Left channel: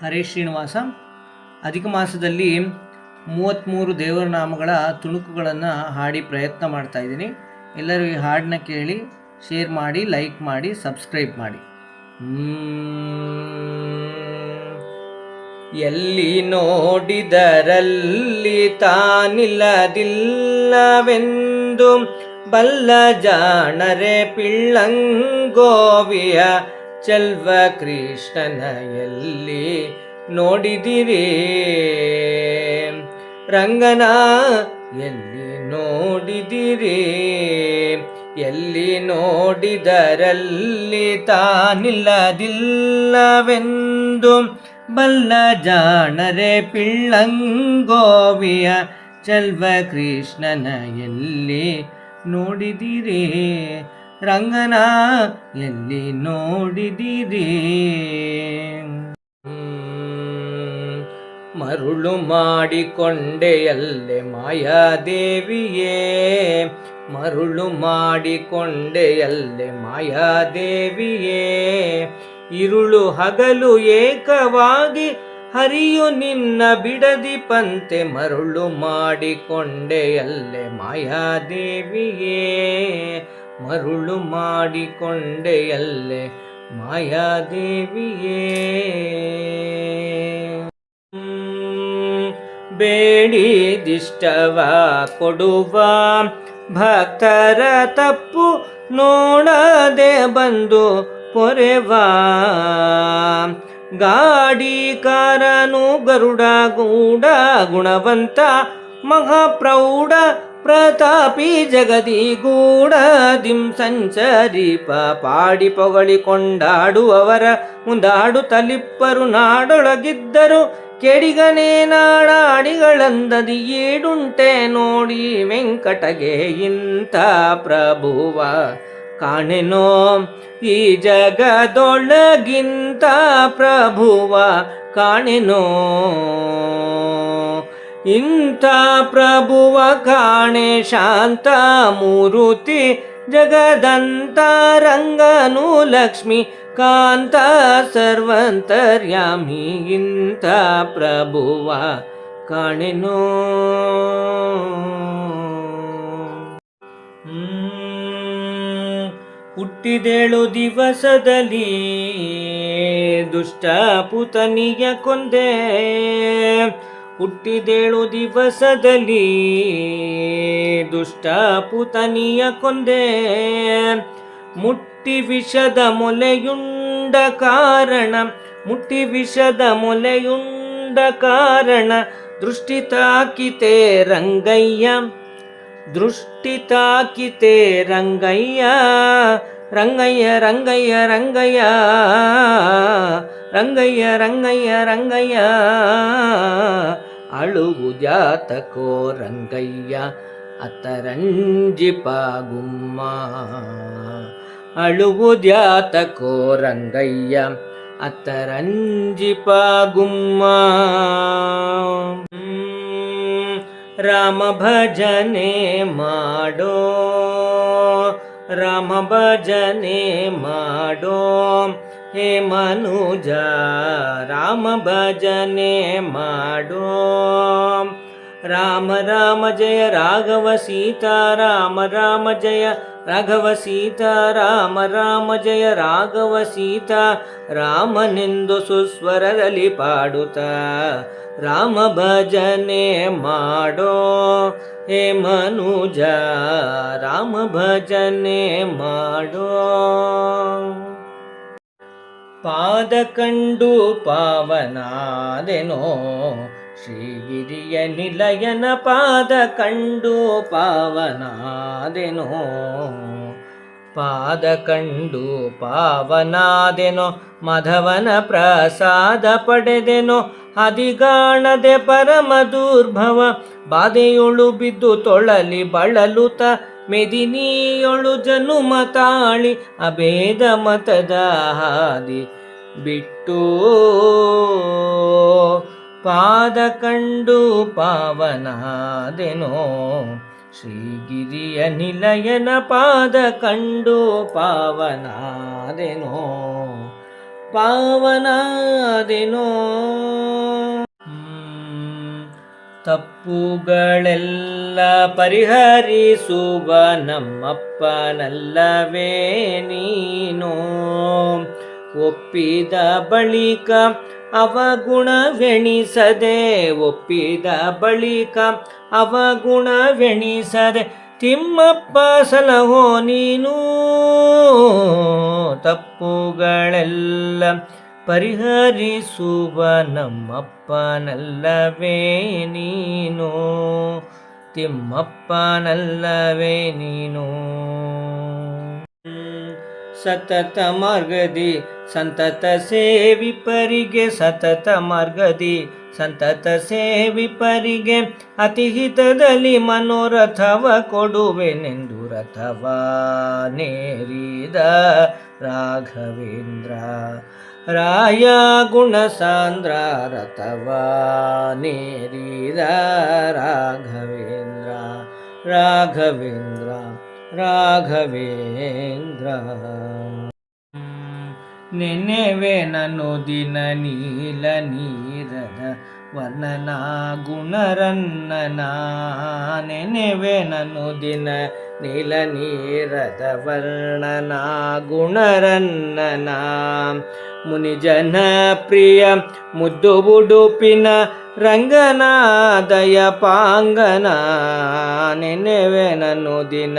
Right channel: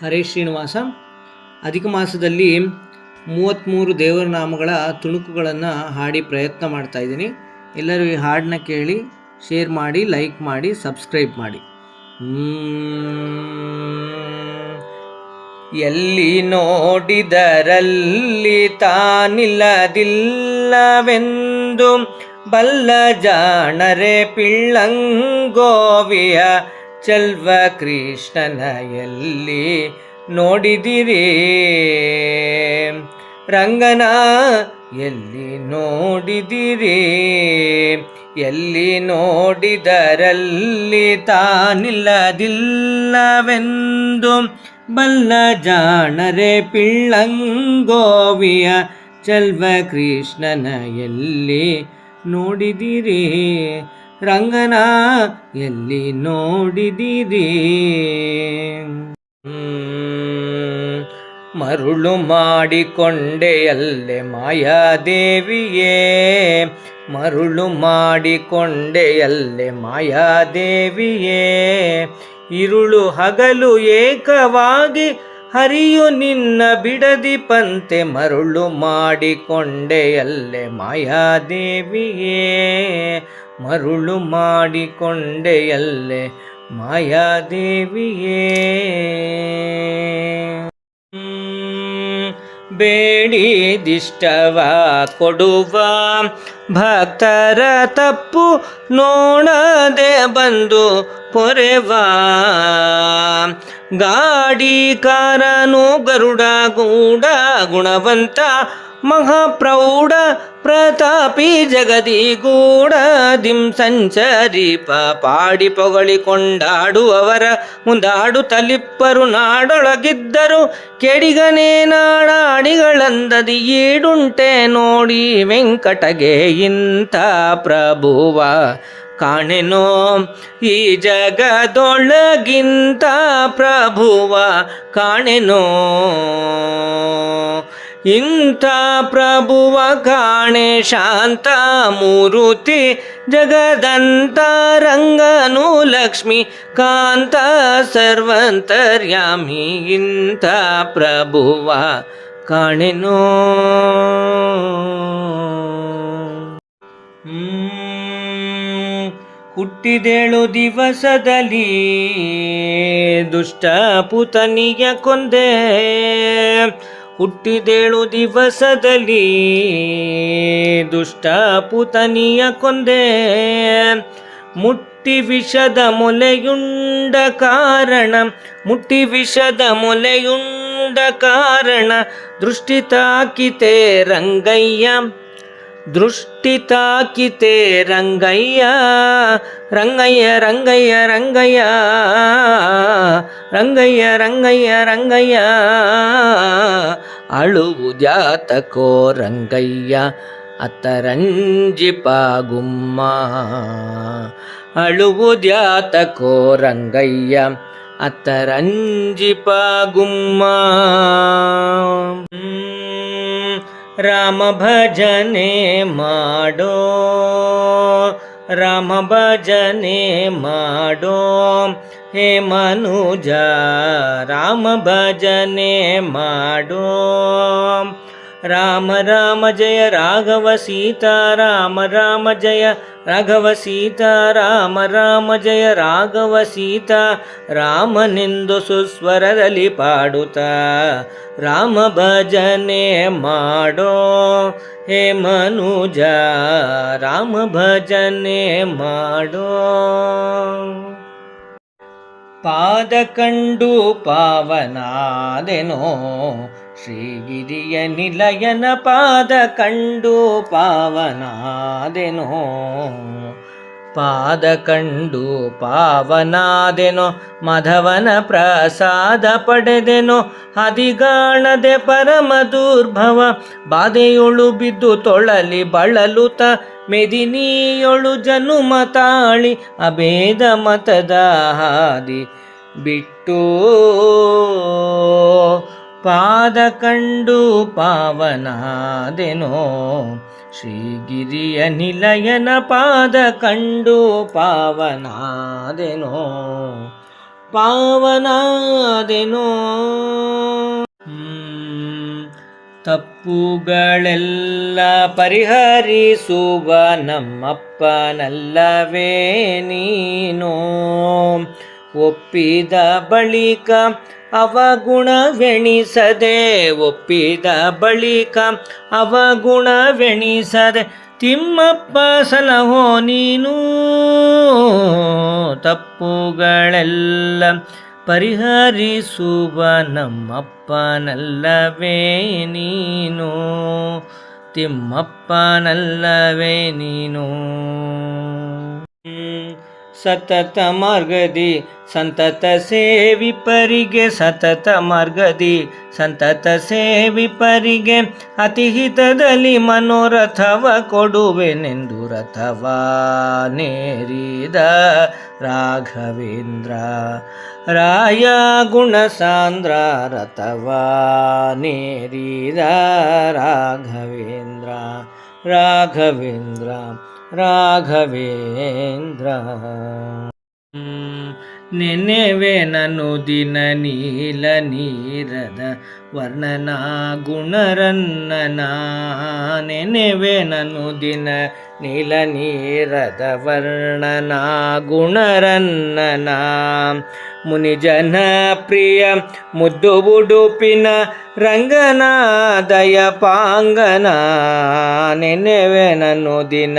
ಹರೇಶ್ ಶ್ರೀನಿವಾಸ. ಅಧಿಕ ಮಾಸದಲ್ಲಿ 33 ದೇವರ ನಾಮಗಳ ತುಣುಕುಗಳನ್ನು ಹಾಡಿ ಪ್ರಯತ್ನ ಮಾಡ್ತಾ ಇದ್ದೀನಿ. ಎಲ್ಲರೂ ಈ ಹಾಡನ್ನ ಕೇಳಿ, ಶೇರ್ ಮಾಡಿ, ಲೈಕ್ ಮಾಡಿ, ಸಬ್ಸ್ಕ್ರೈಬ್ ಮಾಡಿ. ಎಲ್ಲಿ ನೋಡಿದರಲ್ಲಿ ತಾನಿಲ್ಲದಿಲ್ಲವೆಂದು ಬಲ್ಲ ಜಾಣರೆ ಪಿಳ್ಳಂಗೋವಿಯ ಚೆಲ್ವ ಕೃಷ್ಣನ ಎಲ್ಲಿ ನೋಡಿದಿರಿ ರಂಗನ ಎಲ್ಲಿ ನೋಡಿದಿರಿ. ಎಲ್ಲಿ ನೋಡಿದರಲ್ಲಿ ತಾನಿಲ್ಲದಿಲ್ಲವೆಂದು ಬಲ್ಲ ಜಾಣರೆ ಪಿಳ್ಳಂಗೋವಿಯ ಚೆಲ್ವ ಕೃಷ್ಣನ ಎಲ್ಲಿ ನೋಡಿದಿರಿ ರಂಗನ ಎಲ್ಲಿ ನೋಡಿದಿರಿ. ಮರುಳು ಮಾಡಿಕೊಂಡೆಯಲ್ಲೆ ಮಾಯಾದೇವಿಯೇ, ಮರುಳು ಮಾಡಿಕೊಂಡೆಯಲ್ಲೆ ಮಾಯಾದೇವಿಯೇ, ಇರುಳು ಹಗಲು ಏಕವಾಗಿ ಹರಿಯು ನಿನ್ನ ಬಿಡದಿ ಪಂತೆ ಮರುಳು ಮಾಡಿಕೊಂಡೆಯಲ್ಲೆ ಮಾಯಾದೇವಿಯೇ, ಮರುಳು ಮಾಡಿಕೊಂಡೆಯಲ್ಲೆ ಮಾಯಾದೇವಿಯೇ. ಬೇಡಿದಿಷ್ಟವ ಕೊಡುವ ಭಕ್ತರ ತಪ್ಪು ನೋಡದೆ ಬಂದು ಪೊರೆವ ಗಾಡಿಕಾರನು ಗರುಡ ಗೂಢ ಗುಣವಂತ ಮಹಾಪ್ರೌಢ ಪ್ರತಾಪಿ ಜಗದಿ ಗೂಢದಿಂ ಸಂಚರಿಪ ಪಾಡಿ ಪೊಗಳಿ ಕೊಂಡಾಡುವವರ ಮುಂದಾಡು ತಲಿಪ್ಪರು ನಾಡೊಳಗಿದ್ದರು ಕೆಡಿಗನೇ ನಾಡಾಡಿಗಳಂದದಿ ಈಡುಂಟೆ ನೋಡಿ ವೆಂಕಟಗೆ ಇಂಥ ಪ್ರಭುವ ಕಾಣೆನೋ ಈ ಜಗದೊಳಗಿಂತ ಪ್ರಭುವ ಕಾಣೆನೋ. ಇಂಥ ಪ್ರಭುವ ಕಾಣೆ ಶಾಂತ ಮೂರುತಿ ಜಗದಂತ ರಂಗನು ಲಕ್ಷ್ಮಿ ಕಾಂತ ಸರ್ವಂತರ್ಯಾಮಿ ಇಂಥ ಪ್ರಭುವ ಕಾಣೆನೋ. ಹುಟ್ಟಿದೇಳು ದಿವಸದಲ್ಲಿ ದುಷ್ಟ ಪುತನಿಯ ಕೊಂದೆ, ಹುಟ್ಟಿದೇಳು ದಿವಸದಲ್ಲಿ ದುಷ್ಟ ಪುತನಿಯ ಕೊಂದೆ, ಮುಟ್ಟಿ ವಿಷದ ಮೊಲೆಯುಂಡ ಕಾರಣ, ಮುಟ್ಟಿ ವಿಷದ ಮೊಲೆಯುಂಡ ಕಾರಣ ದೃಷ್ಟಿ ತಾಕಿತೆ ರಂಗಯ್ಯ, ದೃಷ್ಟಿ ತಾಕಿತೆ ರಂಗಯ್ಯ, ರಂಗಯ್ಯ ರಂಗಯ್ಯ ರಂಗಯ್ಯ ರಂಗಯ್ಯ ರಂಗಯ್ಯ ರಂಗಯ್ಯ. ಅಳುವುದ್ಯಾತಕೋ ರಂಗಯ್ಯ ಅತ್ತರಂಜಿಪ ಗುಮ್ಮ, ಅಳುವುದ್ಯಾತಕೋ ರಂಗಯ್ಯ ಅತ್ತರಂಜಿಪ ಗುಮ್ಮ. ರಾಮ ಭಜನೆ ಮಾಡೋ, ರಾಮ ಭಜನೆ ಮಾಡೋ ಹೇ ಮನುಜ, ರಾಮ ಭಜನೆ ಮಾಡೋ. ರಾಮ ರಾಮ ಜಯ ರಾಘವ ಸೀತಾ ರಾಮ ರಾಮ ಜಯ ರಾಘವ ಸೀತಾ ರಾಮ ರಾಮ ಜಯ ರಾಘವ ಸೀತಾ ರಾಮನೆಂದು ಸುಸ್ವರದಲ್ಲಿ ಪಾಡುತ್ತಾ ರಾಮ ಭಜನೆ ಮಾಡೋ ಹೇ ಮನುಜ, ರಾಮ ಭಜನೆ ಮಾಡೋ. ಪಾದ ಕಂಡು ಪಾವನಾದೆನೋ ಶ್ರೀಗಿರಿಯ ನಿಲಯನ ಪಾದ ಕಂಡು ಪಾವನಾದೆನೋ, ಪಾದ ಕಂಡು ಪಾವನಾದೆನೋ ಮಾಧವನ ಪ್ರಸಾದ ಪಡೆದೆನೋ ಹದಿಗಾಣದೆ ಪರಮ ದುರ್ಭವ ಬಾಧೆಯೊಳು ಬಿದ್ದು ತೊಳಲಿ ಬಳಲುತ ಮೆದಿನಿಯೊಳು ಜನುಮ ತಾಳಿ ಅಭೇದ ಮತದ ಹಾದಿ ಬಿಟ್ಟು ಪಾದ ಕಂಡು ಪಾವನಾದೆನೋ ಶ್ರೀಗಿರಿಯ ನಿಲಯನ ಪಾದ ಕಂಡು ಪಾವನಾದೆನೋ. ಪಾವನಾದೆನೋ. ತಪ್ಪುಗಳೆಲ್ಲ ಪರಿಹರಿಸುವ ನಮ್ಮಪ್ಪನಲ್ಲವೇ ನೀನು. ಒಪ್ಪಿದ ಬಳಿಕ ಅವಗುಣವೆಣಿಸದೆ, ಒಪ್ಪಿದ ಬಳಿಕ ಅವಗುಣವೆಣಿಸದೆ ತಿಮ್ಮಪ್ಪ ಸಲಹೋ ನೀನು. ತಪ್ಪುಗಳೆಲ್ಲ ಪರಿಹರಿಸುವ ನಮ್ಮಪ್ಪನಲ್ಲವೇ ನೀನು. ತಿಮ್ಮಪ್ಪನಲ್ಲವೇ ನೀನು. ಸತತ ಮಾರ್ಗದಿ ಸಂತತ ಸೇವಿಪರಿಗೆ, ಸತತ ಮಾರ್ಗದಿ ಸಂತತ ಸೇವಿಪರಿಗೆ ಅತಿಹಿತದಲ್ಲಿ ಮನೋರಥವ ಕೊಡುವೆನೆಂದು ರಥವ ನೇರಿದ ರಾಘವೇಂದ್ರ ರಾಯ ಗುಣಸಾಂದ್ರ. ರಥವ ನೇರಿದ ರಾಘವೇಂದ್ರ ರಾಘವೇಂದ್ರ ರಾಘವೇಂದ್ರ. ನೆನೆವೆ ನಾನು ದಿನ ನೀಲ ನೀರದ ವರ್ಣನ ಗುಣರನ್ನನ. ನೆನೆವೆ ನಾನು ದಿನ ನೀಲ ನೀರದ ವರ್ಣನ ಗುಣರನ್ನನ. ಮುನಿಜನ ಪ್ರಿಯ ಮುದ್ದು ಉಡುಪಿನ ರಂಗನ ದಯ ಪಾಂಗನ. ನೆನೆವೆ ನಾನು ದಿನ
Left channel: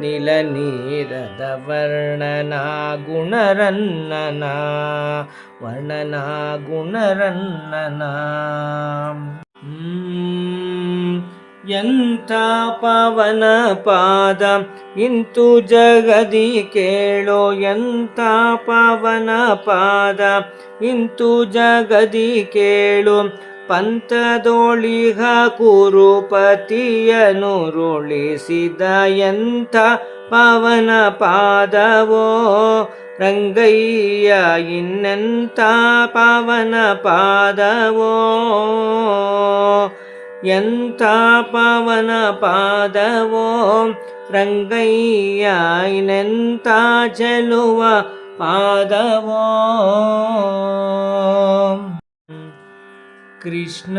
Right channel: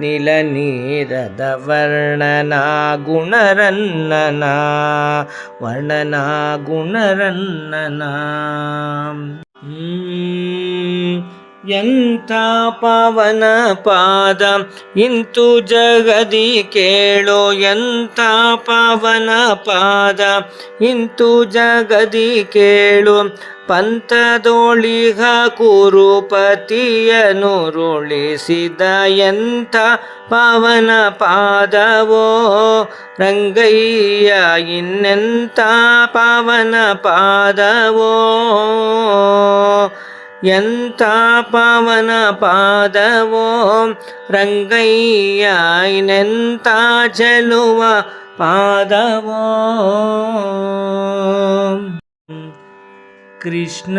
ನೀಲ ನೀರದ ವರ್ಣನ ಗುಣರನ್ನನ. ವರ್ಣನ ಗುಣರನ್ನನ. ಎಂಥ ಪಾವನ ಪಾದ ಇಂತು ಜಗದಿ ಕೇಳೋ. ಎಂಥ ಪಾವನ ಪಾದ ಇಂತು ಜಗದಿ ಕೇಳು. ಪಂಥದೋಳಿಗ ಕುರುಪತಿಯನುರುಳಿಸಿದ ಎಂಥ ಪಾವನ ಪಾದವೋ ರಂಗಯ್ಯ. ಇನ್ನೆಂಥ ಪಾವನ ಪಾದವೋ. ಎಂಥ ಪಾವನ ಪಾದವೋ ರಂಗಯ್ಯ. ಇನ್ನೆಂಥ ಚೆಲುವ ಪಾದವೋ. ಕೃಷ್ಣ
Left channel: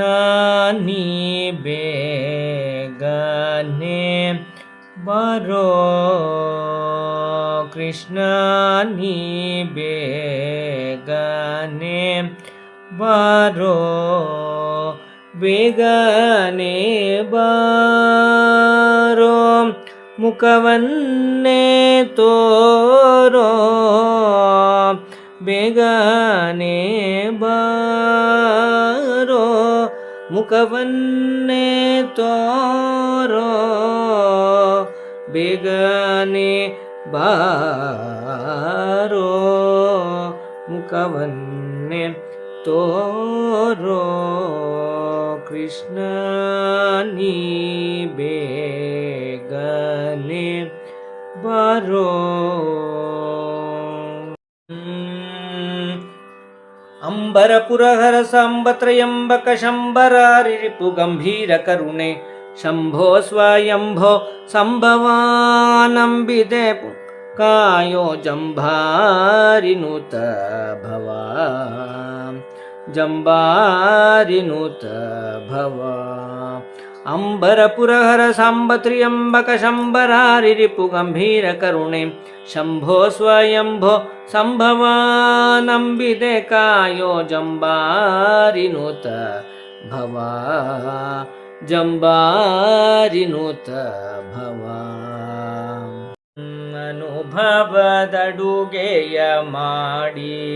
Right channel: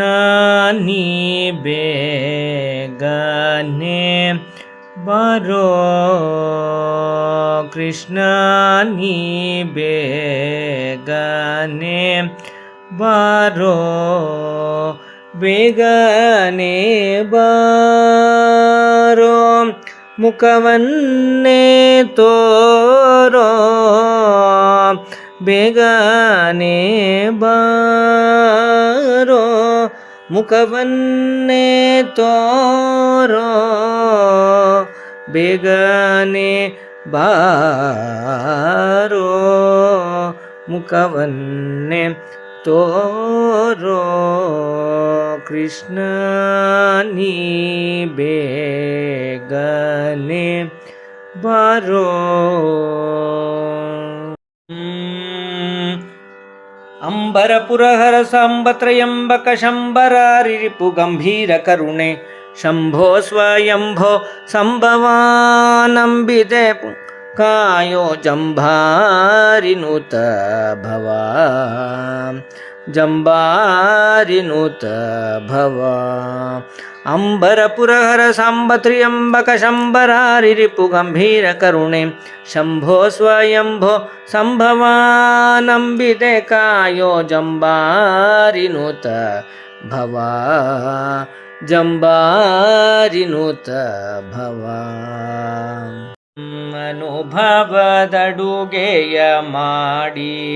ನೀ ಬೇಗನೆ ಬರೋ. ಕೃಷ್ಣ ನೀ ಬೇಗನೆ ಬರೋ. ಬೇಗನೆ ಬಾರೋ. ಮುಖವನ್ನೇ ತೋರೋ. ಬೇಗನೆ ಬಾರೋ. ಮುಖವನ್ನೇ ತೋರೋ. ಬೇಗನೆ ಬಾರೋ. ಮುಖವನ್ನೇ ತೋರೋ. ಕೃಷ್ಣ ನೀ ಬೇಗನೆ ಬಾರೋ. ಅಂಬರಪುರಹರ ಸಾಂಬತ್ರಯಂಬಕ ಶಂಬರಾರಿಪು ಗಂಭೀರ ಕರುಣೆ. ಶಂಭೋ ಸ್ವಯಂಭೋ ಸಂಭವಾನಂಬಿದೆ ಕಾಯೋ. ಜಂಭಾರಿನೂತ ಭವ ಜಂಬಾರಿನೂತ ಭವ. ಅಂಬರಪುರಹರ ಸಾಂಬತ್ರಿಯಂಬಕ ಶಂಬರಾರಿಪು ಗಂಭೀರ ಕರುಣೆ. ಶಂಭೋ ಸ್ವಯಂಭೋ ಸಂಭವಾನಂಬಿದೆ ಕಾಯೋ. ಜಂಬಾರಿನೂತ ಭವ ಜಂಬಾರಿನೂತ ಭವ. ಅನುಭವದಡುಗೆಯ ಮಾಡಿ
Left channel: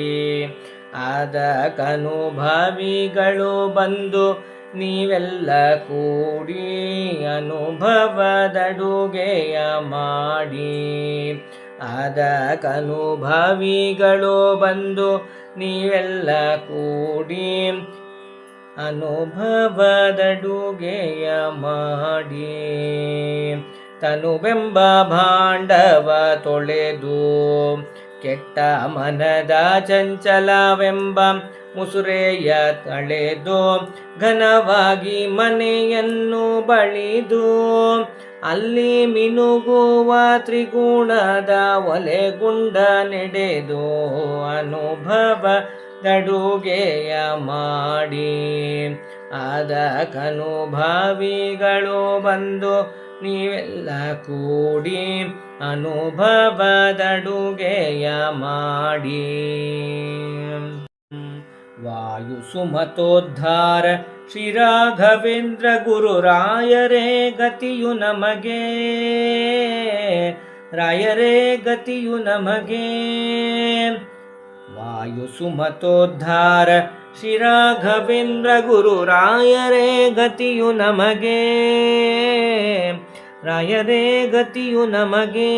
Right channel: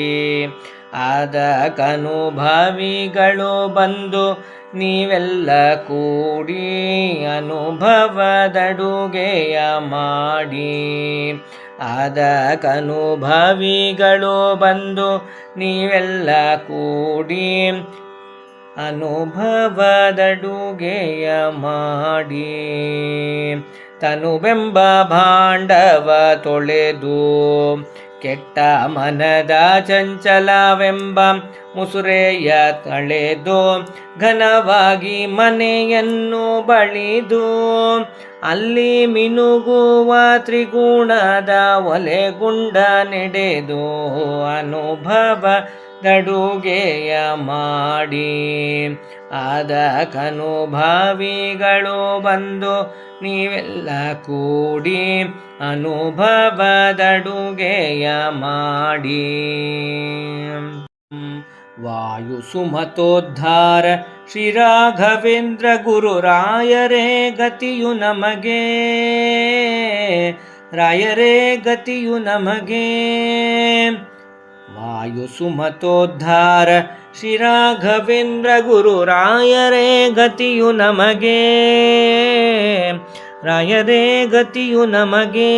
ಅದಕ್ಕನುಭವಿಗಳು ಬಂದು ನೀವೆಲ್ಲ ಕೂಡಿ. ಅನುಭವದಡುಗೆಯ ಮಾಡಿ ಅದಕ್ಕನುಭವಿಗಳು ಬಂದು ನೀವೆಲ್ಲ ಕೂಡಿ. ಅನುಭವದಡುಗೆಯ ಮಾಡಿ ತನುವೆಂಬ ಭಾಂಡವ ತೊಳೆದು. ಕೆಟ್ಟ ಮನದ ಚಂಚಲವೆಂಬ ಮುಸುರೆಯ ತಳೆದು. ಘನವಾಗಿ ಮನೆಯನ್ನು ಬಳಿದು. ಅಲ್ಲಿ ಮಿನುಗುವ ತ್ರಿಗುಣದ ಒಲೆಗುಂಡ ನೆಡೆದು ಅನುಭವದಡುಗೆಯ ಮಾಡಿ ಅದಕ್ಕನುಭಾವಿಗಳು ಬಂದು ನೀವೆಲ್ಲ ಕೂಡಿ ಅನುಭವದಡುಗೆಯ ಮಾಡಿ ವಾಯು ಸುಮತೋದ್ಧಾರ ಶ್ರೀ ರಾಘವೇಂದ್ರ ಗುರು ರಾಯರೇ ಗತಿಯು ನಮಗೆ, ರಾಯರೇ ಗತಿಯು ನಮಗೆ. ವಾಯು ಸುಮತೋದ್ಧಾರ ಶ್ರೀ ರಾಘವೇಂದ್ರ ಗುರು ರಾಯರೇ ಗತಿಯು ನಮಗೆ, ರಾಯರೇ ಗತಿಯು ನಮಗೆ.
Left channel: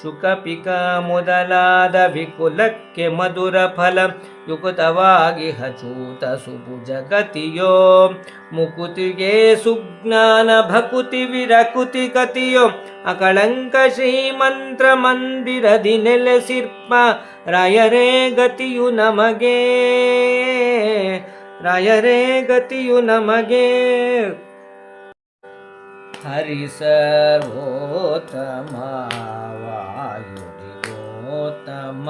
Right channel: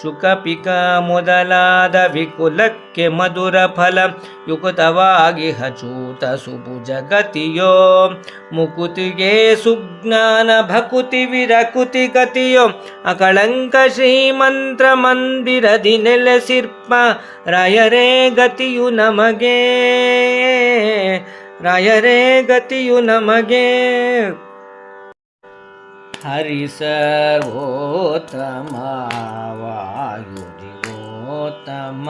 ಶುಕಪಿಕ ಮೊದಲಾದ ವಿಕುಲಕ್ಕೆ ಮಧುರ ಫಲ ಯುಕ್ತವಾಗಿ ಹಚೂತ ಸುಭುಜ ಗತಿಯೋ, ಮುಕುತಿಗೆ ಸುಜ್ಞಾನ ಭಕುತಿ ವಿರಕುತಿ ಗತಿಯೋ, ಅಕಳಂಕ ಶ್ರೀಮಂತ್ರ ಮಂದಿರದಿ ನೆಲೆಸಿರ್ಪ ರಾಯರೇ ಗತಿಯು ನಮಗೆ, ರಾಯರೇ ಗತಿಯು ನಮಗೆ. ಹರಿ ಸರ್ವೋತ್ತಮ ವಾಯು ಜೀವೋತ್ತಮ,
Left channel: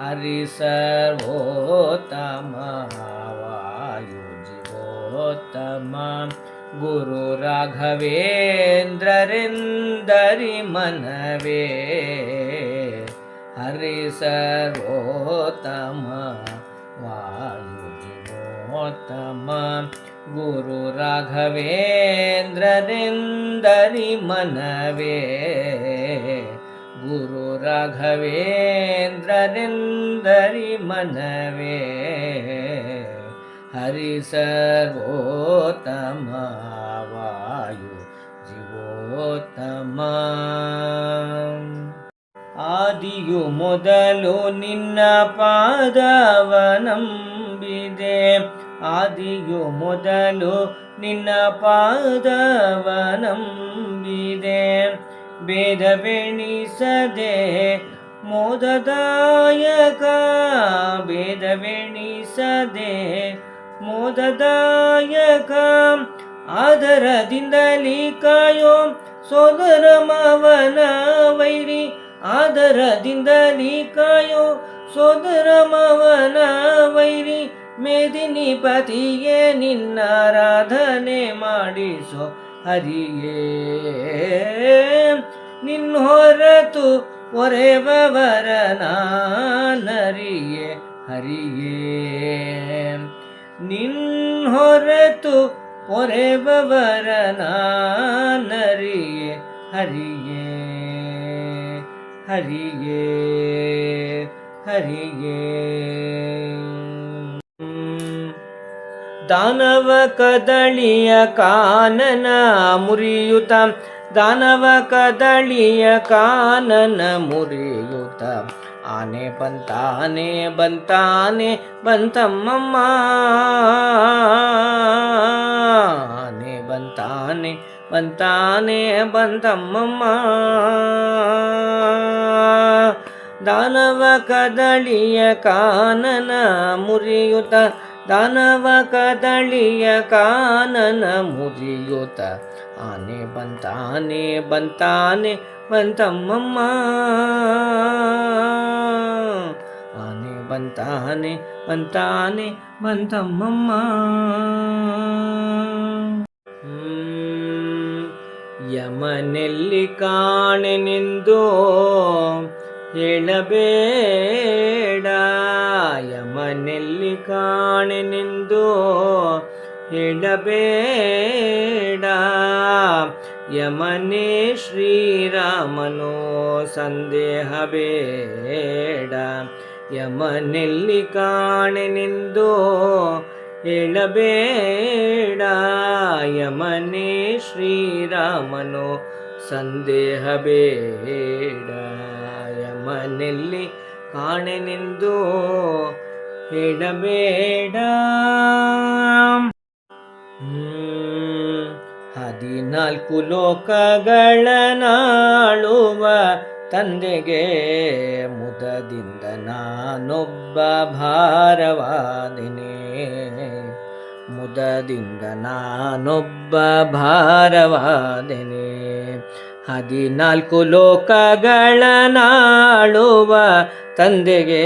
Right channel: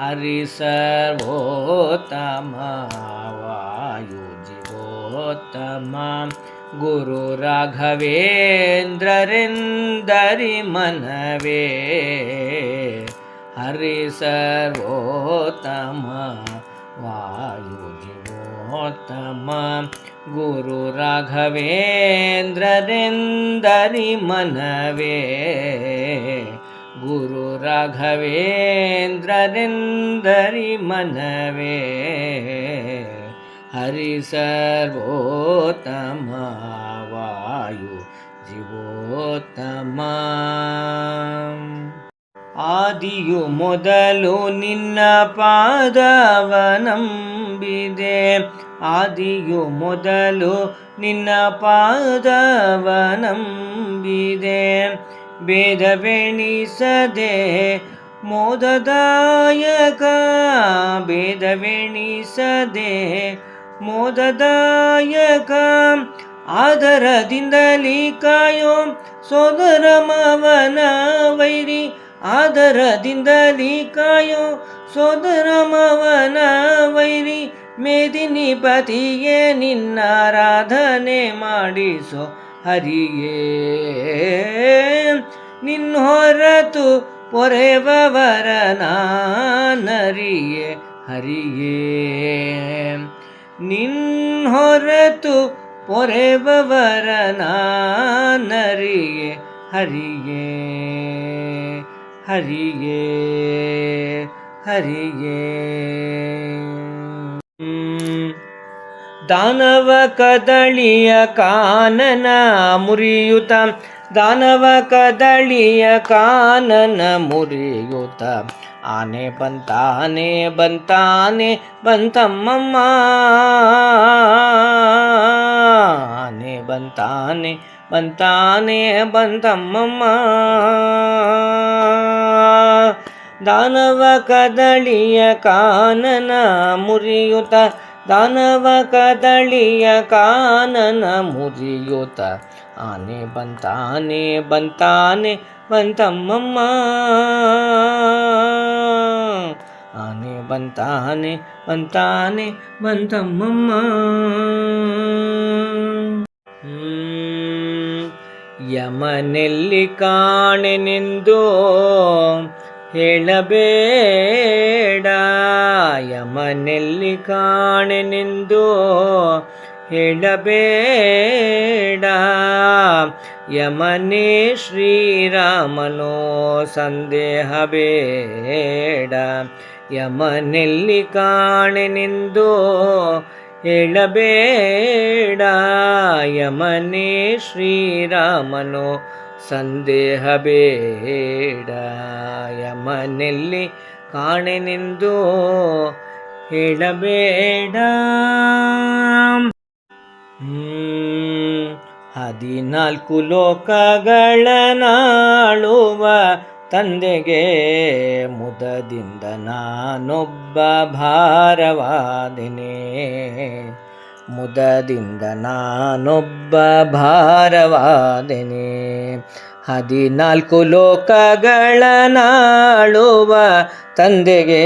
ಹರಿ ಸರ್ವೋತ್ತಮ ವಾಯು ಜೀವೋತ್ತಮ. ಗುರು ರಾಘವೇಂದ್ರರಿಂದರಿ ಮನವೇ, ಹರಿ ಸರ್ವೋತ್ತಮ ವಾಯು ಜೀವೋತ್ತಮ. ಗುರು ರಾಘವೇಂದ್ರರಿಂದರಿ ಮನವೇ, ಗುರು ರಾಘವೇಂದ್ರರಿಂದರಿ ಮನವೇ. ಹರಿ ಸರ್ವೋತ್ತಮ ವಾಯು ಜೀವೋತ್ತಮ. ಆದಿಯು ಮೊದಲು ನಿನ್ನ ಪಾದವನಂಬಿದೆ, ಆದಿಯು ಮೊದಲು ನಿನ್ನ ಪಾದವನಂಬಿದೆ. ಭೇದವೆಣಿಸದೆ ಮೋದದಾಯಕ, ಭೇದವೆಣಿಸದೆ ಮೋದದಾಯಕ. ಆದರದಿಂದಲೀ ಕಾಯೋ ಸೋದರ ಮಾವನ ವೈರಿ, ಆದರದಿಂದಲೀ ಕಾಯೋ ಸೋದರ ಮಾವನ ವೈರಿ. ಮೇದಿನಿ ಪತಿಯೇ ನಿನ್ನಾರಾಧನೆ ಮಾಡಿಸೋ ಹರಿಯೇ, ನಿನ್ನ ಹೊರತು ಪೊರೆವವರ ನಾನರಿಯೇ ಹರಿಯೇ, ನಿನ್ನ ಹೊರತು ಪೊರೆವವರ ನಾನರಿಯೇ ಹರಿಯೇ, ಹರಿಯೇ ಹರಿಯೇ. ದಾನವ ಕದಳಿಯ ಕಾನನ ಮುರಿಯುತ, ದಾನವ ಕದಳಿಯ ಕಾನನ ಮುರಿಯುತ. ಆನೆ ಬಂತಾನೆ ಬಂತಾನೆ ಬಂತಮ್ಮಮ್ಮ, ಆನೆ ಬಂತಾನೆ ಬಂತಾನೆ ಬಂತಮ್ಮಮ್ಮ. ದಾನವ ಕದಳಿಯ ಕಾನನ ಮುರಿಯುತ, ದಾನವ ಕದಳಿಯ ಕಾನನ ಮುರಿಯುತ. ಆನೆ ಬಂತಾನೆ ಬಂತಾನೆ ಬಂತಮ್ಮಮ್ಮ, ಆನೆ ಬಂತಾನೆ ಬಂತಾನೆ ಬಂತಮ್ಮಮ್ಮ. ಯಮನೆಲ್ಲಿ ಕಾಣೆನೆಂದು ಹೇಳಬೇಡ, ಯಮನೆಲ್ಲಿ ಕಾಣೆನೆಂದು ಹೇಳಬೇಡ. ಯಮನೇ ಶ್ರೀರಾಮನೋ ಸಂದೇಹ ಬೇಡ, ಯಮನೆಲ್ಲಿ ಕಾಣೆನೆಂದು ಹೇಳಬೇಡ. ಯಮನೇ ಶ್ರೀರಾಮನೋ ಸಂದೇಹ ಬೇಡ, ಯಮನೆಲ್ಲಿ ಕಾಣೆನೆಂದು ಹೇಳಬೇಡ. 14 ಲೋಕಗಳನ್ನಾಳುವ ತಂದೆಗೆ ಮುದದಿಂದ ನಾನೊಬ್ಬ ಭಾರವಾದೆನೆ, ಮುದದಿಂದ ನಾನೊಬ್ಬ ಭಾರವಾದೆನೆ. 14 ಲೋಕಗಳನ್ನಾಳುವ ತಂದೆಗೆ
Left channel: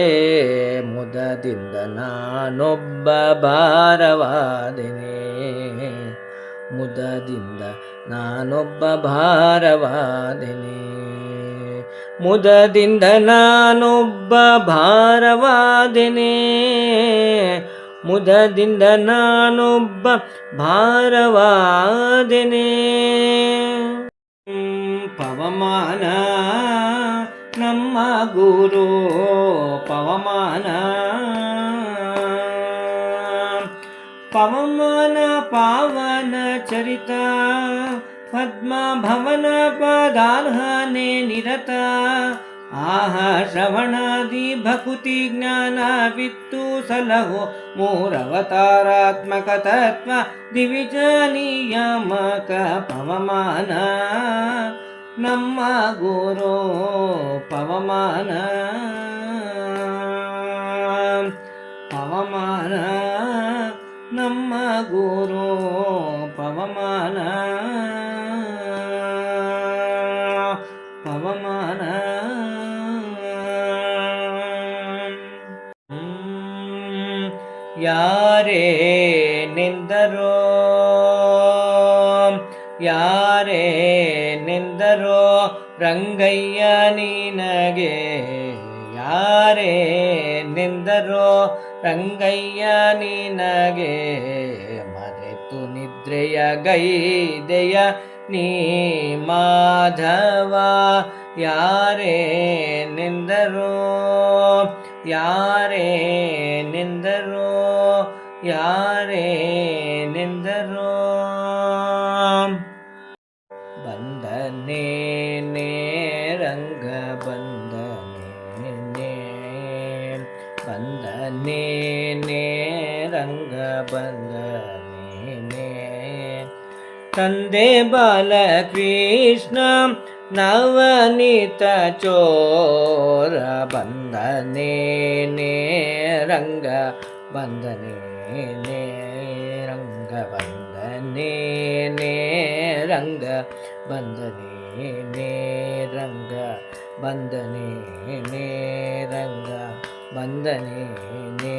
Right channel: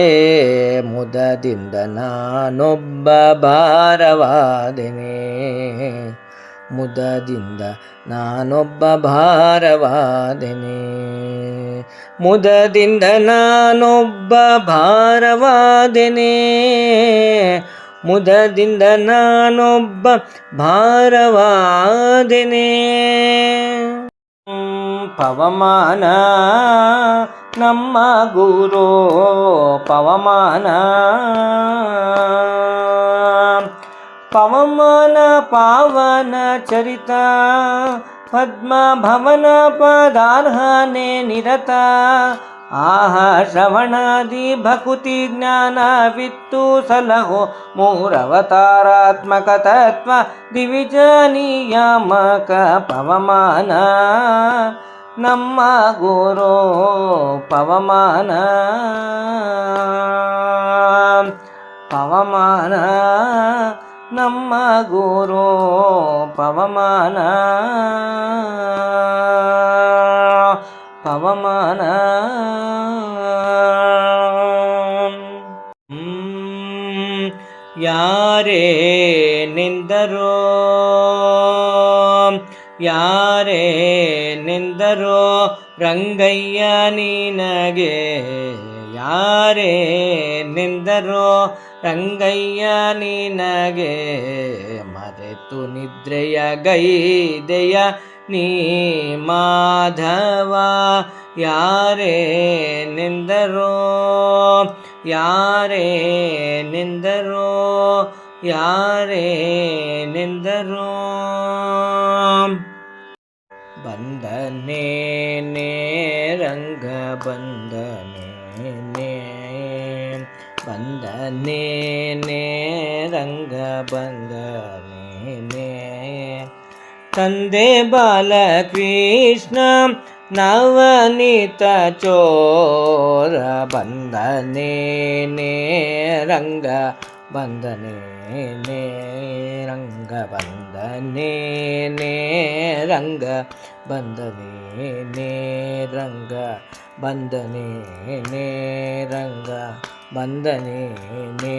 ಮುದದಿಂದ ನಾನೊಬ್ಬ ಭಾರವಾದೆನೆ. ಮುದದಿಂದ ನಾನೊಬ್ಬ ಭಾರವಾದೆನೆ. ಮುದದಿಂದ ನಾನೊಬ್ಬ ಭಾರವಾದೆನೆ. ಮುದದಿಂದ ನಾನೊಬ್ಬ ಭಾರವಾದೆನೆ. ಪವಮಾನ ನಮ್ಮ ಗುರು ಪವಮಾನ. ಪವಮಾನ ಪಾವನ ಚರಿತ ಪದ್ಮ ಭವನ ಪದಾರ್ಹನೆ ನಿರತ. ಶ್ರವಣಾದಿ ಭಕುತಿ ಜ್ಞಾನವಿತ್ತು ಸಲಹೋ ಮೂರವತಾರಾತ್ಮಕ ತತ್ವ ದಿವಿಜ ನಿಯಾಮಕ ಪವಮಾನ ನಮ್ಮ ಗುರು ಪವಮಾನ. ಪವಮಾನ ನಮ್ಮ ಗುರು ಪವಮಾನ. ಪವಮಾನ ಯಾರೇನೆಂದರೋ ಯಾರೇನೆಂದರೋ ರಂಗಯ್ಯ ನಿನಗೆ. ಯಾರೇನೆಂದರೋ ರಂಗಯ್ಯ ನಿನಗೆ. ಮರೆತು ನಿದ್ರೆಯ ಗೈದೆಯ ನೀ ಮಾಧವ. ಯಾರೇನೆಂದರೋ ಯಾರೇನೆಂದರೋ ಯಾರೇನೆಂದರೋ. ಬಂದನೇನೆ ರಂಗ ಬಂದನೇನೆ. ಬಂದನೇನೆ ರಂಗ ಬಂದನೇನೆ. ತಂದೆ ಬಾಲಕೃಷ್ಣ ನವನೀತ ಚೋರ. ಬಂದನೇನೆ ರಂಗ ಬಂದನೇನೆ. ರಂಗ ಬಂದನೇನೆ ರಂಗ ಬಂದನೇನೆ. ರಂಗ ಬಂದನೇನೆ ರಂಗ ಬಂದನೇನೆ.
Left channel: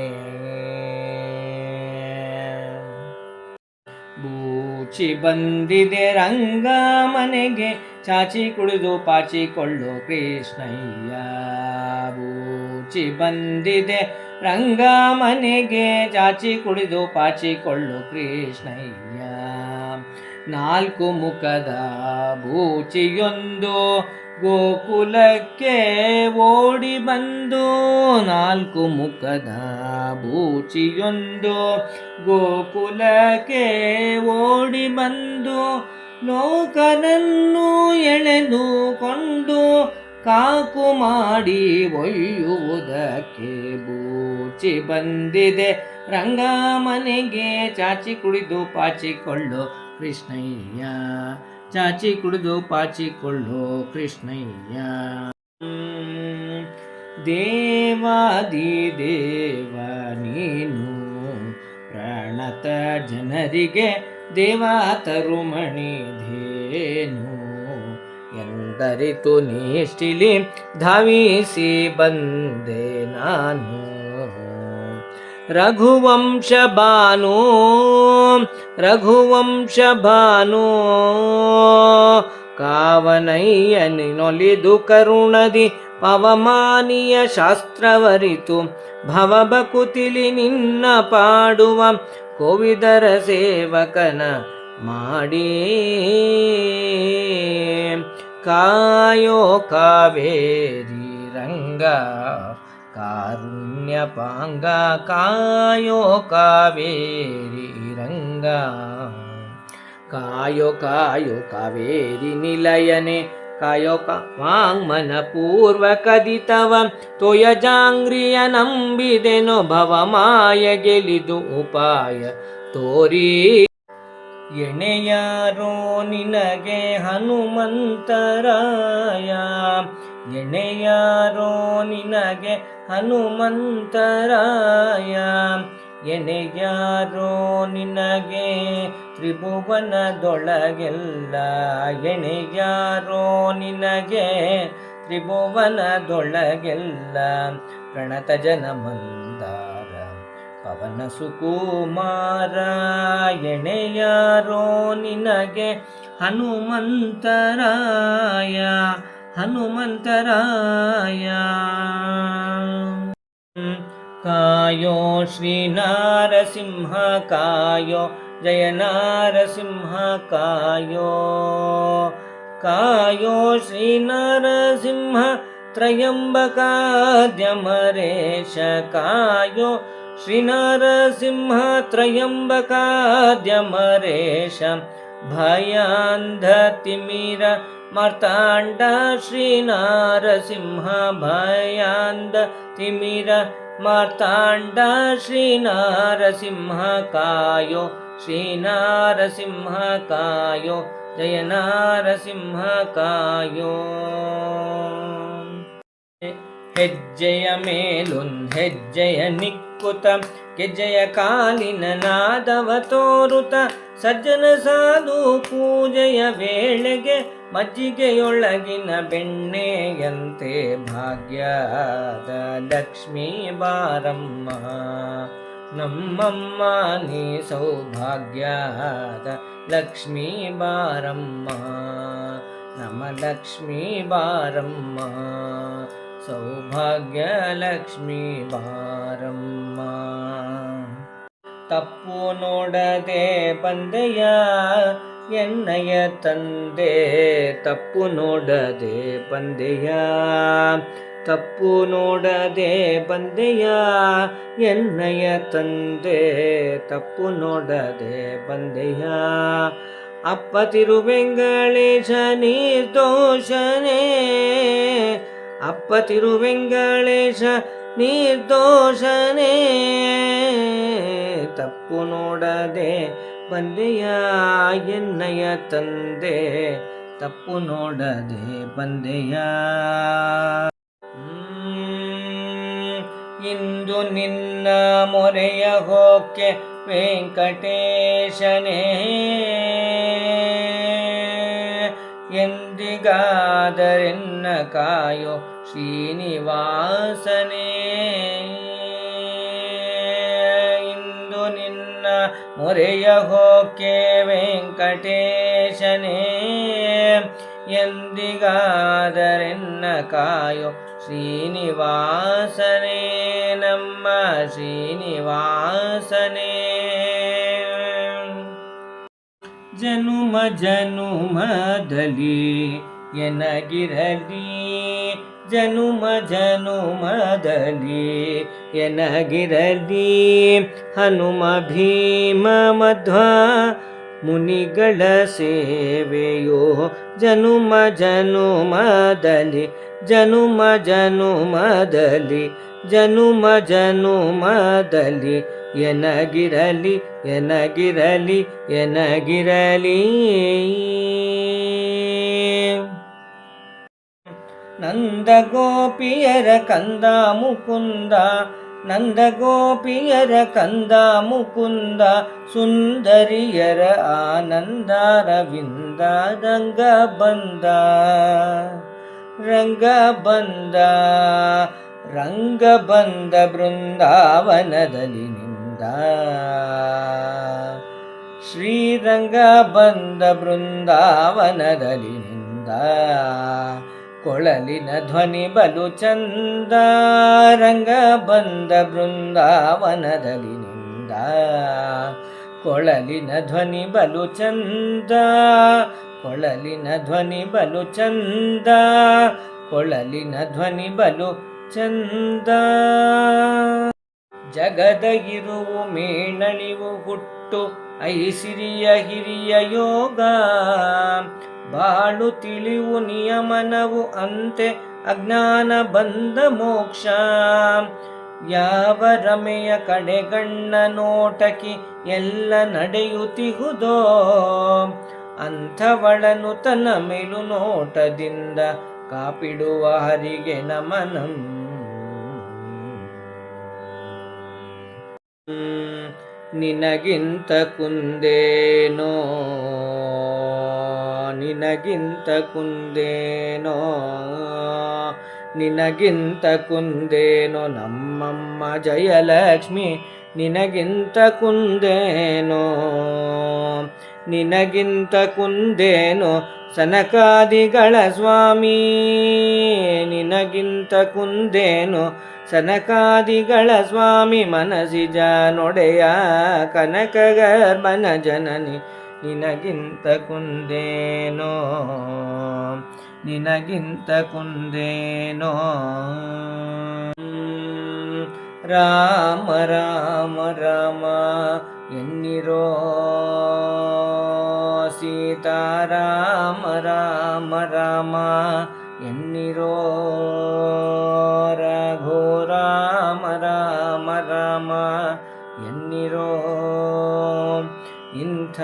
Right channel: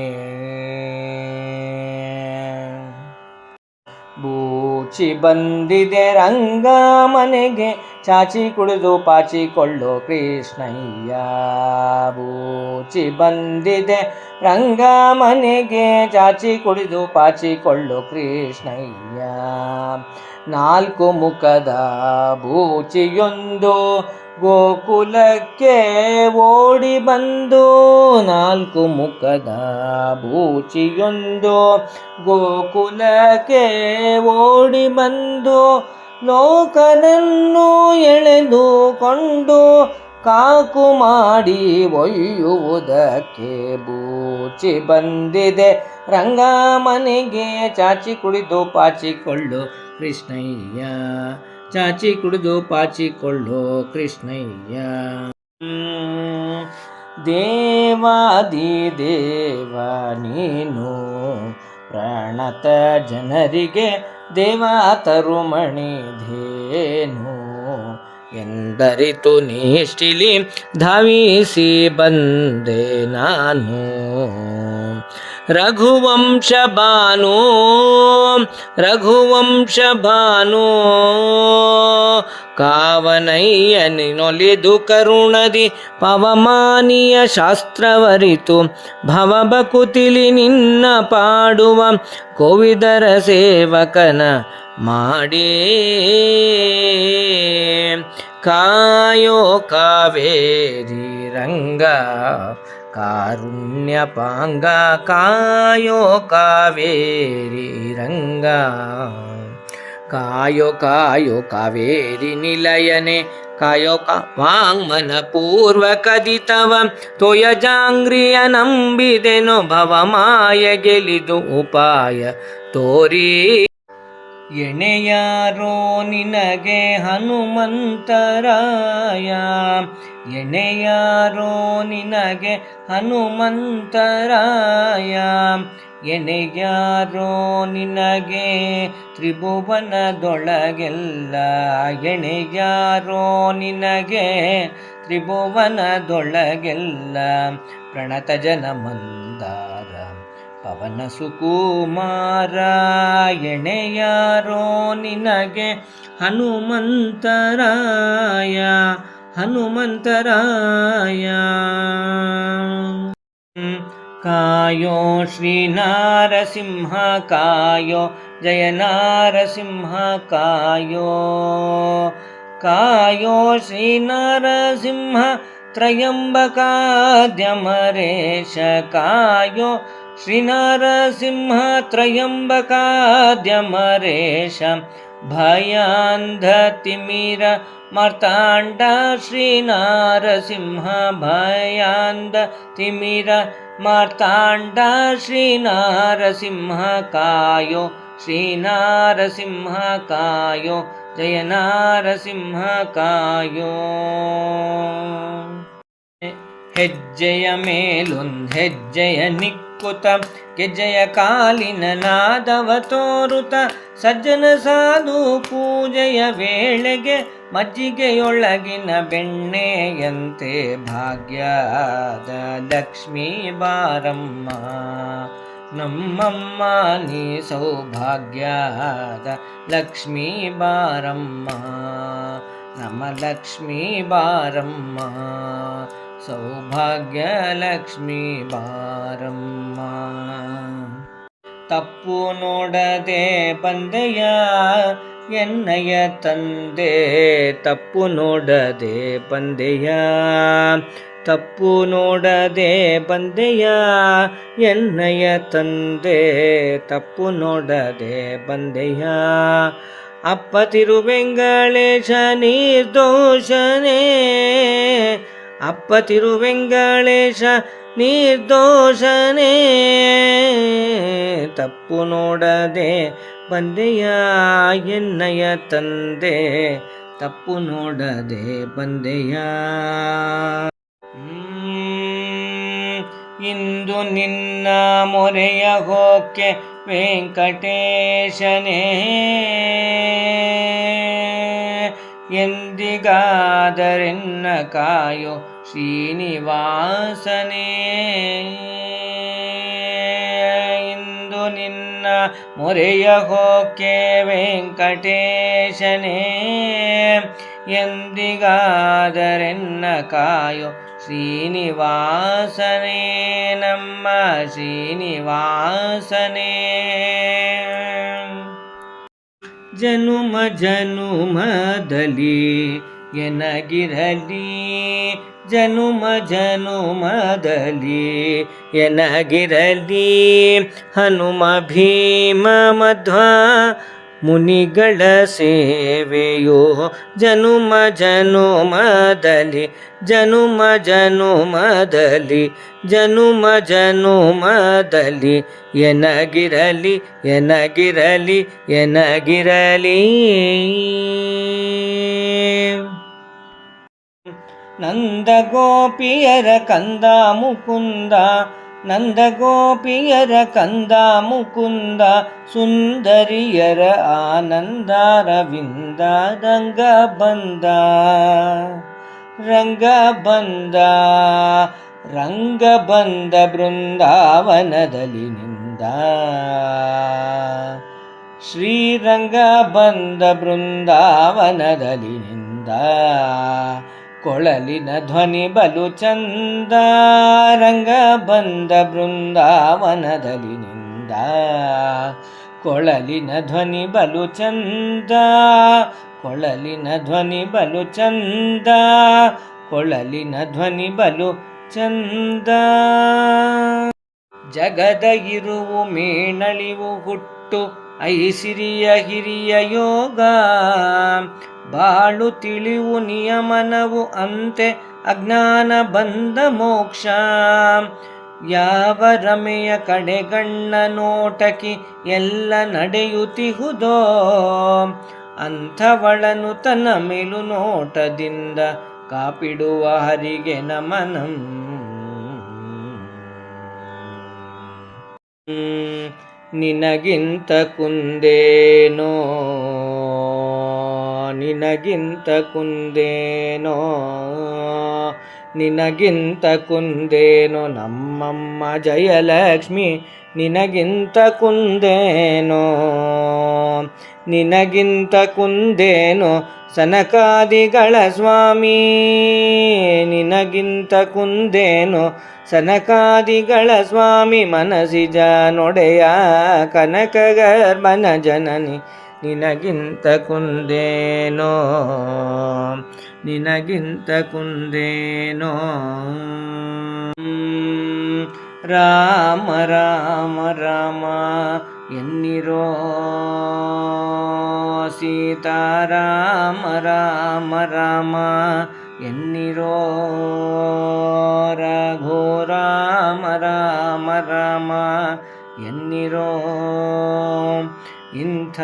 ಬೂಚಿ ಬಂದಿದೆ ರಂಗ ಮನೆಗೆ ಚಾಚಿ ಕುಳಿದು ಪಾಚಿಕೊಳ್ಳೋ ಕೃಷ್ಣಯ್ಯ. ಬೂಚಿ ಬಂದಿದೆ ರಂಗ ಮನೆಗೆ ಚಾಚಿ ಕುಳಿದು ಪಾಚಿಕೊಳ್ಳೋ ಕೃಷ್ಣಯ್ಯ. 4 ಮುಖದ ಬೂಚಿಯೊಂದು ಗೋಕುಲಕ್ಕೆ ಓಡಿ ಬಂದು. 4 ಮುಖದ ಬೂಚಿಯೊಂದು ಗೋಕುಲಕ್ಕೆ ಓಡಿ ಬಂದು. ಲೋಕನನ್ನು ಎಳೆದುಕೊಂಡು ಕಾಕು ಮಾಡಿ ಒಯ್ಯುವುದಕ್ಕೆ ಬೂಚಿ ಬಂದಿದೆ ರಂಗ ಮನೆಗೆ ಚಾಚಿ ಕುಡಿದು ಪಾಚಿಕೊಳ್ಳು ಕೃಷ್ಣಯ್ಯ. ಚಾಚಿ ಕುಡಿದು ಪಾಚಿಕೊಳ್ಳು ಕೃಷ್ಣಯ್ಯ. ದೇವಾದಿ ದೇವ ನೀನು ಪ್ರಣತ ಜನರಿಗೆ ದೇವ ತರುಮಣಿ ಧೇನು. ಎಂದರಿತು ನಿಷ್ಠಿಲಿ ಧಾವಿಸಿ ಬಂದೆ ನಾನು. ರಘುವಂಶ ಭಾನು ರಘುವಂಶ ಭಾನು. ಕಾವನಯ್ಯನಿನೊಲಿದು ಕರುಣದಿ ಪವಮಾನಿಯ ಶಾಸ್ತ್ರವರಿತು. ಭವಬಕುತಿಲಿ ನಿನ್ನ ಪಾಡುವ ಕೋವಿದರ ಸೇವಕನ ಮಾಡಿ. ಕಾಯೋ ಕಾವೇರಿ ರಂಗ ಕಾರುಣ್ಯ ಪಾಂಗ. ಕಾಯೋ ಕಾವೇರಿ ರಂಗ. ಕಾಯೋ ಕಾಯೋ ಕಾವೇರಿ ನಿಲಯನೆ. ಕಾಯೋ ವಾಂಗ್ಮನ ಪೂರ್ವ ಕದಿತವ ತೋಯಜಾಂಗ್ರಿಯ ನಂಬಿದೆನೋ ಭವಮಾಯ ಗೆಲಿದು ಉಪಾಯ ತೋರಿ. ಎಣೆಯಾರೋ ನಿನಗೆ ಹನುಮಂತರಾಯ. ಎಣೆಯಾರೋ ನಿನಗೆ ಹನುಮಂತರಾಯ. ಎಣೆಯಾರೋ ನಿನಗೆ ತ್ರಿಭುವನದೊಳಗೆಲ್ಲ, ಎಣೆಯಾರೋ ನಿನಗೆ ತ್ರಿಭುವನದೊಳಗೆಲ್ಲ. ಪ್ರಣತ ಜನ ಮಂದಾರ ಪವನ ಸುಕುಮಾರ, ಎಣೆಯಾರೋ ನಿನಗೆ ಹನುಮಂತರಾಯ, ಹನುಮಂತರಾಯ. ಕಾಯೋ ಶ್ರೀ ನಾರಸಿಂಹ ಕಾಯೋ, ಜಯ ನಾರಸಿಂಹ ಕಾಯೋ. ಕಾಯೋ ಶ್ರೀ ನಾರಸಿಂಹ ತ್ರಯಂಬಕಾದ್ಯಮರೇಶ ಕಾಯೋ, ಶ್ರೀ ನಾರಸಿಂಹ ತ್ರಯಂಬಕಾದ್ಯಮರೇಶ. ಭಯಾಂಧ ತಿಮಿರ ಮಾರ್ತಾಂಡ ಶ್ರೀ ನಾರಸಿಂಹ, ಭಯಾಂಧ ತಿಮಿರ ಮಾರ್ತಾಂಡ ಶ್ರೀ ನಾರಸಿಂಹ ಕಾಯೋ, ಶ್ರೀ ನಾರಸಿಂಹ ಕಾಯೋ, ಜಯ ನಾರಸಿಂಹ ಕಾಯೋ. ಹೆಜ್ಜೆಯ ಮೇಲೊಂದು ಹೆಜ್ಜೆಯ ನಿಕ್ಕುತ, ಗೆಜ್ಜೆಯ ಕಾಲಿನ ನಾದವ ತೋರುತ, ಸಜ್ಜನ ಸಾಧು ಪೂಜೆಯ ವೇಳೆಗೆ ಮಜ್ಜಿಗೆಯೊಳಗಿನ ಬೆಣ್ಣೆಯಂತೆ ಭಾಗ್ಯದ ಲಕ್ಷ್ಮೀ ಬಾರಮ್ಮ. ನಮ್ಮಮ್ಮ ನೀ ಸೌಭಾಗ್ಯದ ಲಕ್ಷ್ಮೀ ಬಾರಮ್ಮ, ನಮ್ಮ ಲಕ್ಷ್ಮೀ ಬಾರಮ್ಮ, ಸೌಭಾಗ್ಯ ಲಕ್ಷ್ಮೀ ಬಾರಮ್ಮ. ತಪ್ಪು ನೋಡದೆ ಬಂದೆಯ ಎನ್ನಯ ತಂದೆ, ತಪ್ಪು ನೋಡದೆ ಬಂದೆಯ, ತಪ್ಪು ನೋಡದೆ ಬಂದೆಯ ಎನ್ನಯ ತಂದೆ, ತಪ್ಪು ನೋಡದೆ ಬಂದೆಯ. ಅಪ್ಪ ತಿರುವೆಂಗಳೇಶ ನಿರ್ದೋಷನೇ, ಅಪ್ಪ ತಿರುವೆಂಗಳೇಶ ನಿರ್ದೋಷನೇ, ತಪ್ಪು ನೋಡದೆ ಬಂದೆಯ ಎನ್ನಯ ತಂದೆ, ತಪ್ಪು ನೋಡದೆ ಬಂದೆಯ. ಇಂದು ನಿನ್ನ ಮೊರೆಯ ಹೋಕ್ಕೆ ವೆಂಕಟೇಶನೇ, ಎಂದಿಗಾದರೆನ್ನ ಕಾಯೋ ಶ್ರೀನಿವಾಸನೇ. ಇಂದು ನಿನ್ನ ಮೊರೆಯ ಹೋಕ್ಕೆ ವೆಂಕಟೇಶನೇ, ಎಂದಿಗಾದರೆನ್ನ ಕಾಯೋ ಶ್ರೀನಿವಾಸನೇ, ನಮ್ಮ ಶ್ರೀನಿವಾಸನೇ. ಜನುಮ ಜನುಮದಲ್ಲಿ ಎನಗಿರಲಿ, ಜನುಮ ಜನುಮದಲ್ಲಿ ಎನಗಿರಲಿ, ಹನುಮ ಭೀಮ ಮಧ್ವ ಮುನಿಗಳ ಸೇವೆಯೋ. ಜನುಮ ಜನುಮದಲ್ಲಿ, ಜನುಮ ಜನುಮದಲ್ಲಿ, ಜನುಮ ಜನುಮದಲ್ಲಿ ಎನಗಿರಲಿ, ಎನಗಿರಲಿ, ಎನಗಿರಲಿ. ನಂದ ಗೋಪಿಯರ ಕಂದ ಮುಕುಂದ, ನಂದ ಗೋಪಿಯರ ಕಂದ ಮುಕುಂದ, ಸುಂದರಿಯರ ಆನಂದ ರವಿಂದ. ರಂಗ ಬಂದ, ರಂಗ ಬಂದ, ರಂಗ ಬಂದ ಬೃಂದಾವನದಲ್ಲಿ ನಿಂದ, ಶ್ರೀರಂಗ ಬಂದ ಬೃಂದಾವನದಲ್ಲಿ ನಿಂದ. ಕೊಳಲಿನ ಧ್ವನಿ ಬಲು ಚಂದ, ರಂಗ ಬಂದ ಬೃಂದಾವನದಲ್ಲಿ ನಿಂದ. ಕೊಳಲಿನ ಧ್ವನಿ ಬಲು ಚಂದ, ಕೊಳಲಿನ ಧ್ವನಿ ಬಲು ಚಂದ, ಕೊಳಲಿನ ಧ್ವನಿ ಬಲು ಚಂದ. ಜಗದ ಇರುವು ಮೇಣಳಿವು ಹುಟ್ಟು ಐಸಿರಿಯ ಹಿರಿಯ ಯೋಗ, ಬಾಳು ತಿಳಿವು ನಿಯಮನವು ಅಂತೆ ಅಜ್ಞಾನ ಬಂದ ಮೋಕ್ಷ. ಯಾವ ರಮೆಯ ಕಡೆಗಣ್ಣ ನೋಟಕಿ ಎಲ್ಲ ನಡೆಯುತ್ತಿಹುದೋ, ಅಂಥವಳನು ತನ್ನ ಮೇಲು ನೋಟದಿಂದ ಕಾಪಿಡುವ ಹರಿಗೆ ನಮನಂ. ನಿನಗಿಂತ ಕುಂದೇನೋ ನಿನಗಿಂತ ಕುಂದೇನೋ ನಿನಗಿಂತ ಕುಂದೇನೋ ನಮ್ಮಮ್ಮ ಜಯಲಕ್ಷ್ಮಿ ನಿನಗಿಂತ ಕುಂದೇನೋ ನಿನಗಿಂತ ಕುಂದೇನೋ ಸನಕಾದಿಗಳ ಸ್ವಾಮಿ ನಿನಗಿಂತ ಕುಂದೇನೋ ಸನಕಾದಿಗಳ ಸ್ವಾಮಿ ಮನಸಿಜ ನೊಡೆಯ ಕನಕಗರ್ಭನ ಜನನಿ ನಿನಗಿಂತ ಕುಂದೇನೋ ನಿನಗಿಂತ ಕುಂದೇನೋ ರಾಮ ರಾಮ ರಾಮ ಎನ್ನಿರೋ ಸೀತಾರಾಮ ರಾಮ ರಾಮ ಎನ್ನಿರೋ ರಘು ರಾಮ ರಾಮ ರಾಮ ಎನ್ನಿರೋ ಇಂಥ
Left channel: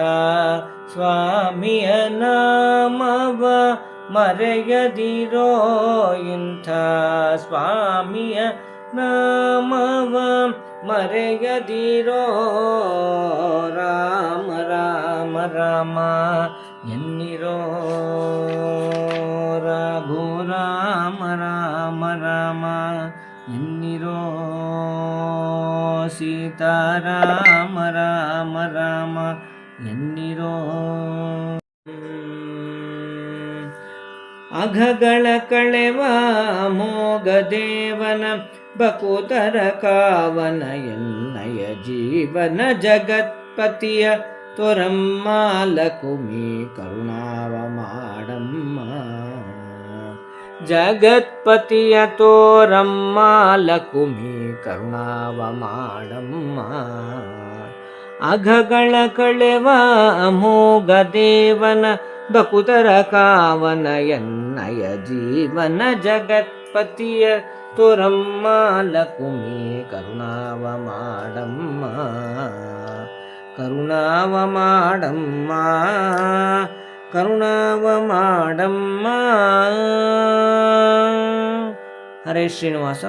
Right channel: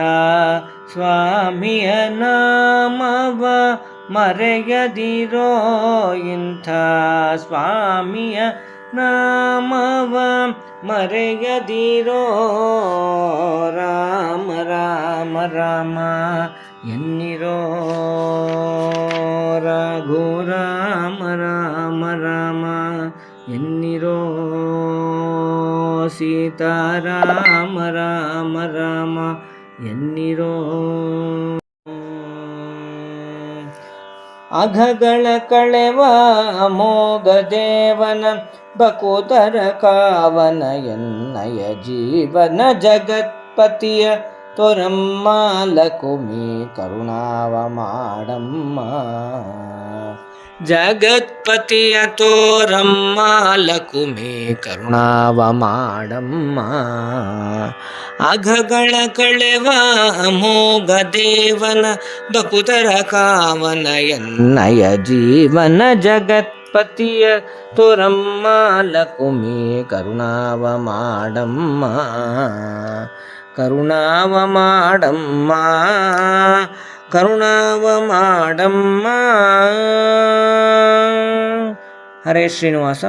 ಸ್ವಾಮಿಯ ನಾಮವ ಮರೆಯದಿರೋ ಇಂಥ ಸ್ವಾಮಿಯ ನಾಮವ ಮರೆಯದಿರೋ ರಾಮ ರಾಮ ರಾಮ ಎನ್ನಿರೋ ರಘು ರಾಮ ರಾಮ ರಾಮ ಎನ್ನಿರೋ ಸೀತಾರಾಮ ರಾಮ ರಾಮ ಎನ್ನಿರೋ ಅಘಗಳ ಕಳೆವ ಅಮೋಘ ದೇವನ ಬಕುತರ ಕಾವನ ಎನ್ನಯ ಜೀವನ ಜಗತ್ಪತಿಯ ತೊರಮ್ಮ ಲಕುಮಿ ಕರುಣಾವ ಮಾಡಮ್ಮ ಜಗತ್ಪತಿಯ ತೋರಮ್ಮ ಲಕುಮಿ ಕರುಣಾವ ಮಾಡಮ್ಮ ಅಘಗಳ ಕಳೆವ ಅಮೋಘ ದೇವನ ಬಕುತರ ಕಾವನ ಎನ್ನಯ ಜೀವನ ಜಗತ್ಪತಿಯ ತೋರಮ್ಮ ಲಕುಮಿ ಕರುಣಾವ ಮಾಡಮ್ಮ ಕರುಣಾವ ಮಾಡಮ್ಮ ಕರುಣಾವ ಮಾಡಮ್ಮ. ಹರೇ ಶ್ರೀನಿವಾಸ.